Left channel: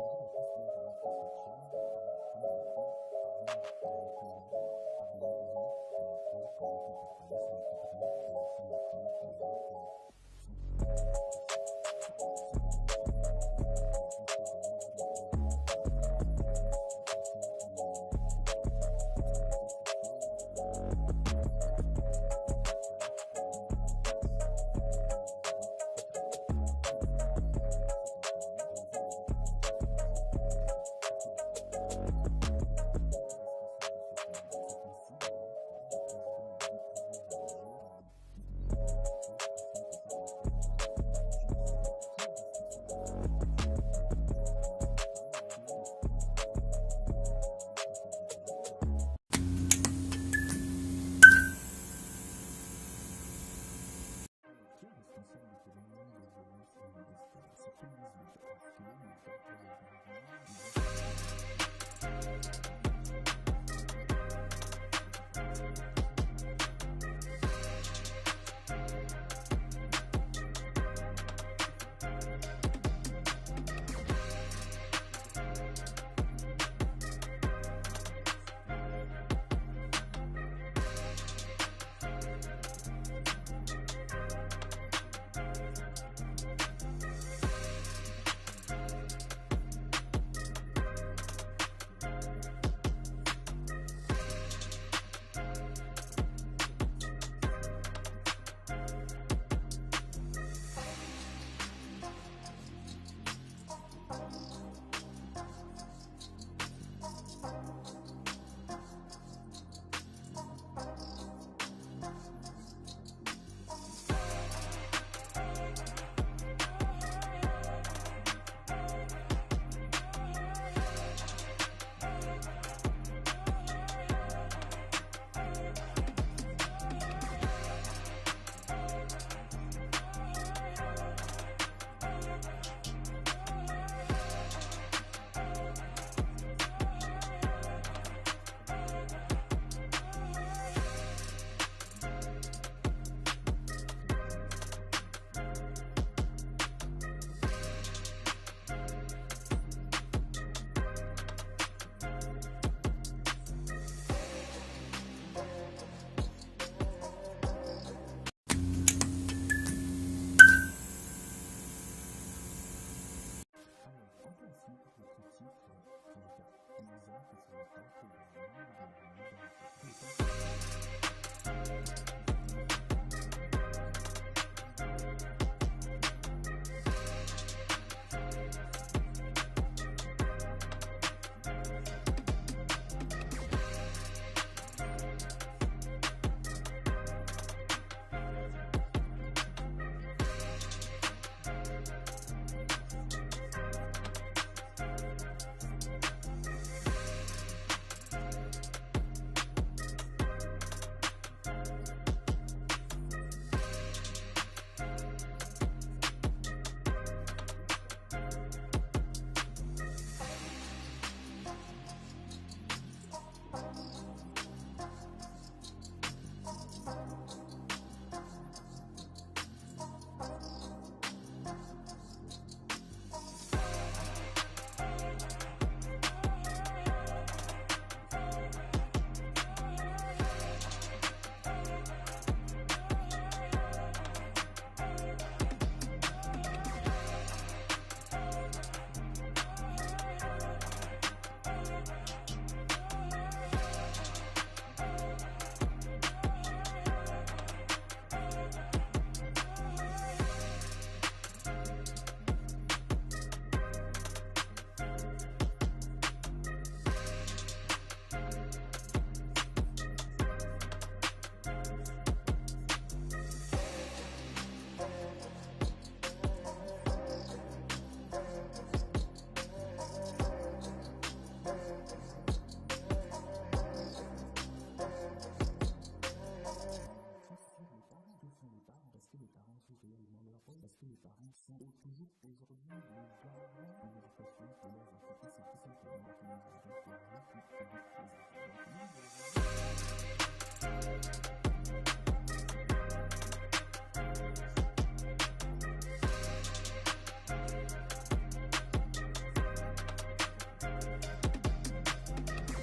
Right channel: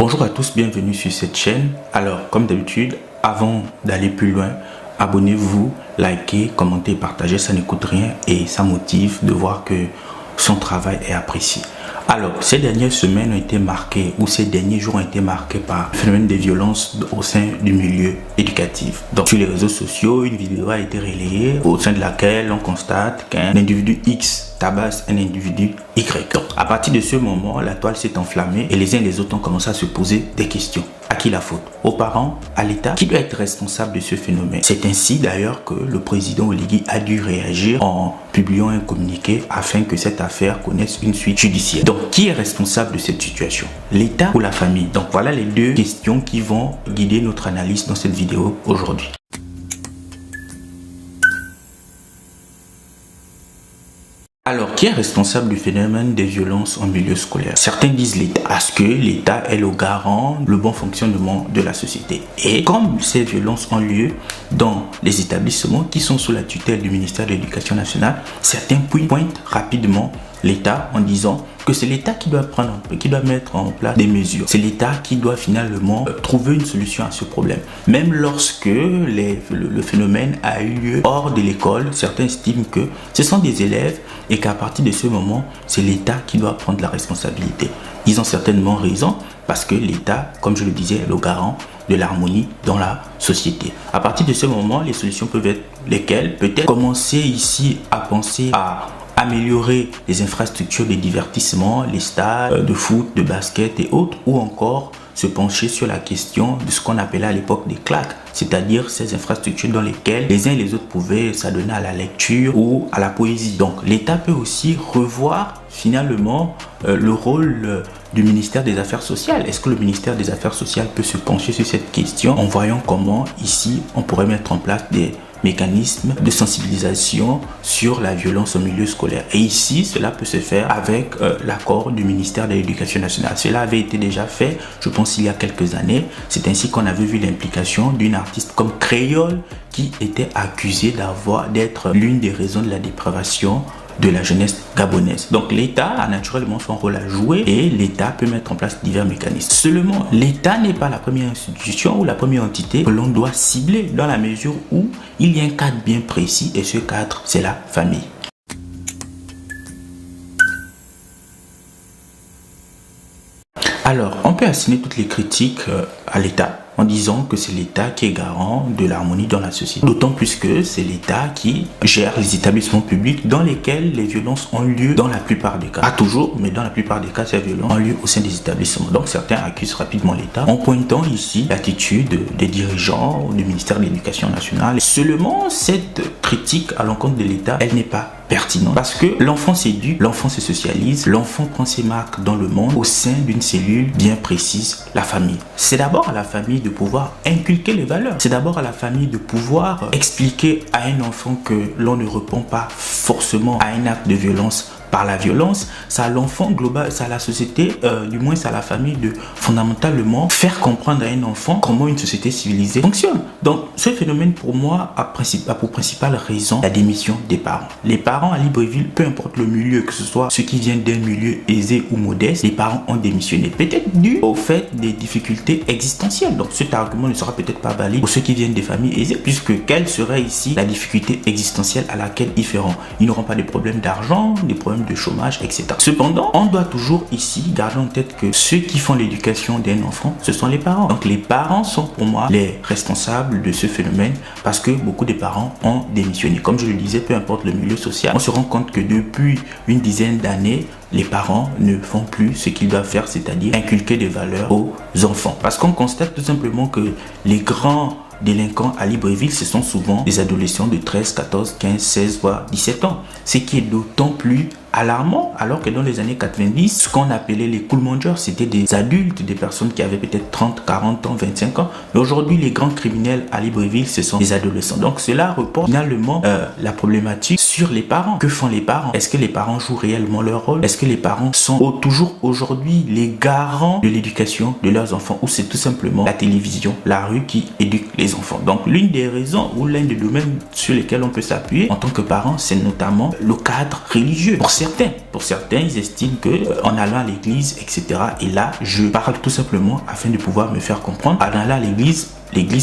Bonjour à tous, bienvenue sur cette chaîne. Alors, comme d'habitude, avant d'aller plus loin, abonnez-vous, likez, commentez, partagez, ça ne coûte rien et ça motive de voir que son travail est apprécié. Alors, ces dernières semaines ont été marquées, ou ces derniers jours ont été marqués par le phénomène des violences au sein du milieu éducatif. Donc, sur les réseaux sociaux, une vidéo a été relayée au sein de laquelle on constate qu'un individu X tabasse un individu Y. Donc, à partir de ce moment, la toile s'est enflammée et les uns et les autres ont commencé à se poser des questions. À qui la faute? Aux parents? À l'État? Qui doit être responsable de ce phénomène? C'est ainsi d'ailleurs que le président Oligui a dû réagir en publiant un communiqué afin que cette affaire connaisse une suite judiciaire. Donc, qui est responsable de cette situation? L'État ou la famille? Donc, voilà les deux questions qui vont guider notre analyse dans cette vidéo aujourd'hui. Alors, qui est responsable du phénomène des violences en milieu scolaire? Certains disent l'État, parce que l'État est le garant du bon fonctionnement de la société. Et comme ces violences ont lieu dans les établissements qui sont sous la tutelle du ministère de l'Éducation nationale, certains pointent rapidement l'État en disant que c'est l'État qui doit mettre en place des mesures. C'est l'État qui doit finalement trouver une solution à ce problème. Même lorsque le phénomène a eu lieu hors de l'école, certains estiment que ce sont des élèves et qu'à partir de ce moment, c'est l'État qui doit prendre la responsabilité. Ils ont certainement raison parce que l'État, comme je le disais, est le garant de l'harmonie dans la société. À partir de ce moment, les solutions peuvent être lesquelles? Peut-être commencer ici à penser à améliorer les infrastructures de divertissement, les stades de foot, de basket et autres, ou encore se pencher sur la question de ce qu'on appelait à l'époque des claques, c'est-à-dire ces infrastructures dans lesquelles les uns et les autres pouvaient s'adonner à la lecture ou à la poésie. Donc l'État peut aussi revoir finalement le rôle du ministère des Affaires sociales. Est-ce que le ministère des Affaires sociales peut se pencher sur cette question en voyant comment ici on pourrait mettre en place des mécanismes de sensibilisation sur la violence au milieu scolaire. Et ici, cela peut se faire avec l'accord du ministère de l'Éducation nationale. Cela avait été déjà fait, je pense, il y a quelques années. C'est ainsi qu'on avait vu l'implication d'une artiste comme Créole qui était accusée d'être l'une des raisons de la dépravation de la jeunesse gabonaise. Donc l'État a naturellement son rôle à jouer et l'État peut mettre en place divers mécanismes. Seulement, l'État n'est pas la première institution ou la première entité que l'on doit cibler dans la mesure où il y a un cadre bien précis et ce cadre, c'est la famille. Alors, on peut assigner toutes les critiques à l'État en disant que c'est l'État qui est garant de l'harmonie dans la société. D'autant plus que c'est l'État qui gère les établissements publics dans lesquels les violences ont lieu dans la plupart des cas. Pas toujours, mais dans la plupart des cas, ces violences ont lieu au sein des établissements. Donc certains accusent rapidement l'État en pointant ici l'attitude des dirigeants du ministère de l'Éducation nationale. Seulement, cette critique à l'encontre de l'État, elle n'est pas pertinente parce que l'enfant s'éduque, l'enfant se socialise, l'enfant prend ses marques dans le monde au sein d'une cellule bien précise, la famille. C'est d'abord à la famille de pouvoir inculquer les valeurs. C'est d'abord à la famille de pouvoir expliquer à un enfant que l'on ne répond pas forcément à un acte de violence par la violence. C'est à l'enfant global, c'est à la société, du moins c'est à la famille de fondamentalement faire comprendre à un enfant comment une société civilisée fonctionne. Donc ce phénomène pour moi a pour principale raison la démission des parents. Les parents à Libreville, peu importe le milieu, que ce soit ceux qui viennent d'un milieu aisé ou modeste, les parents ont démissionné. Peut-être dû au fait des difficultés existentielles. Donc cet argument ne sera peut-être pas valide pour ceux qui viennent des familles aisées, puisque quelle serait ici la difficulté existentielle à laquelle ils feront? Ils n'auront pas de problèmes d'argent, des problèmes de chômage, etc. Cependant, on doit toujours ici garder en tête que ceux qui font l'éducation d'un enfant, ce sont les parents. Donc les parents sont pour moi les responsables de ce phénomène parce que beaucoup de parents ont démissionné. Comme je le disais, peu importe le milieu social, on se rend compte que depuis une dizaine d'années, les parents ne font plus ce qu'ils doivent faire, c'est-à-dire inculquer des valeurs aux enfants. Parce qu'on constate tout simplement que les grands délinquants à Libreville, ce sont souvent des adolescents de 13, 14, 15, 16, voire 17 ans. Ce qui est d'autant plus alarmant, alors que dans les années 90, ce qu'on appelait les cool mongers, c'était des adultes, des personnes qui avaient peut-être 30, 40 ans, 25 ans. Mais aujourd'hui, les grands criminels à Libreville, ce sont des adolescents. Donc cela reporte finalement la problématique sur les parents. Que font les parents? Est-ce que les parents jouent réellement leur rôle? Est-ce que les parents sont toujours aujourd'hui les garants de l'éducation de leurs enfants, ou c'est tout simplement la télévision, la rue qui éduque les enfants? Donc l'une des raisons ou l'un des domaines sur lesquels on peut s'appuyer en tant que parent, c'est notamment le cadre religieux. Pour Pour certains, ils estiment que en allant à l'église, etc. Et là, je parle tout simplement afin de pouvoir me faire comprendre. En allant à l'église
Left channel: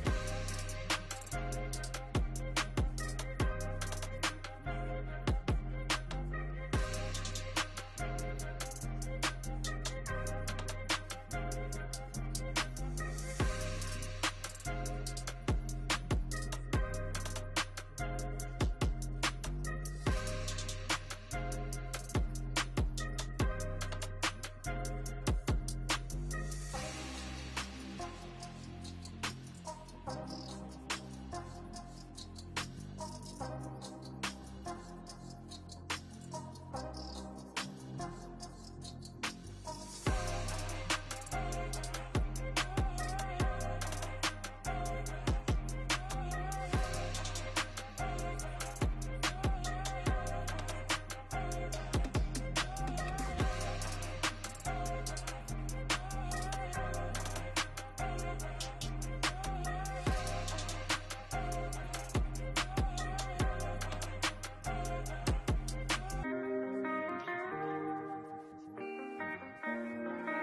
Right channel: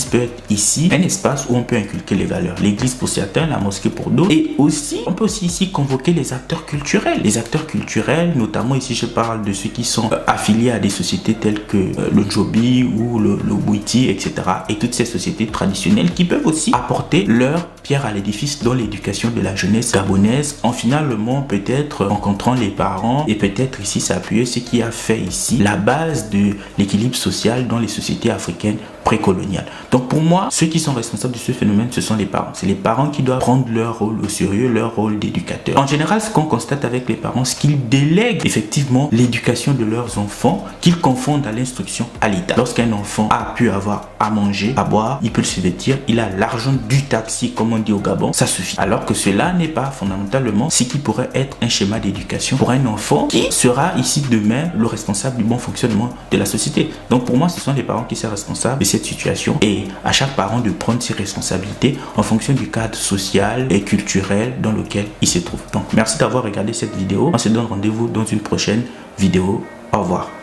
peut être ici un espace où on peut inculquer les valeurs. L'église pour certains, la mosquée pour d'autres. Et aussi, on peut aussi ici convoquer les acteurs culturels. Les acteurs culturels, notamment ici, je parle de ceux qui sont affiliés à des sociétés telles que le Djobi ou le Bouiti, etc. Et toutes ces sociétés traditionnelles qui peuvent aussi apporter leur pierre à l'édifice dans l'éducation de la jeunesse gabonaise, en finalement peut-être rencontrant les parents et peut-être ici s'appuyer ce qui a fait ici la base de l'équilibre social dans les sociétés africaines précoloniales. Donc pour moi, ceux qui sont responsables de ce phénomène, ce sont les parents. C'est les parents qui doivent prendre leur rôle au sérieux, leur rôle d'éducateur. En général, ce qu'on constate avec les parents, c'est qu'ils délèguent effectivement l'éducation de leurs enfants, qu'ils confondent à l'instruction à l'État. Lorsqu'un enfant a pu avoir à manger, à boire, il peut se vêtir, il a l'argent du taxi, comme on dit au Gabon, ça suffit. Alors que cela n'est pas fondamentalement ce qui pourrait être un schéma d'éducation pour un enfant qui sera ici demain le responsable du bon fonctionnement de la société. Donc pour moi, ce sont les parents qui sont responsables de cette situation et à chaque parent de prendre ses responsabilités en fonction du cadre social et culturel dans lequel il se trouve. Donc merci d'avoir regardé cette vidéo. On se donne rendez-vous dans une prochaine vidéo. Au revoir.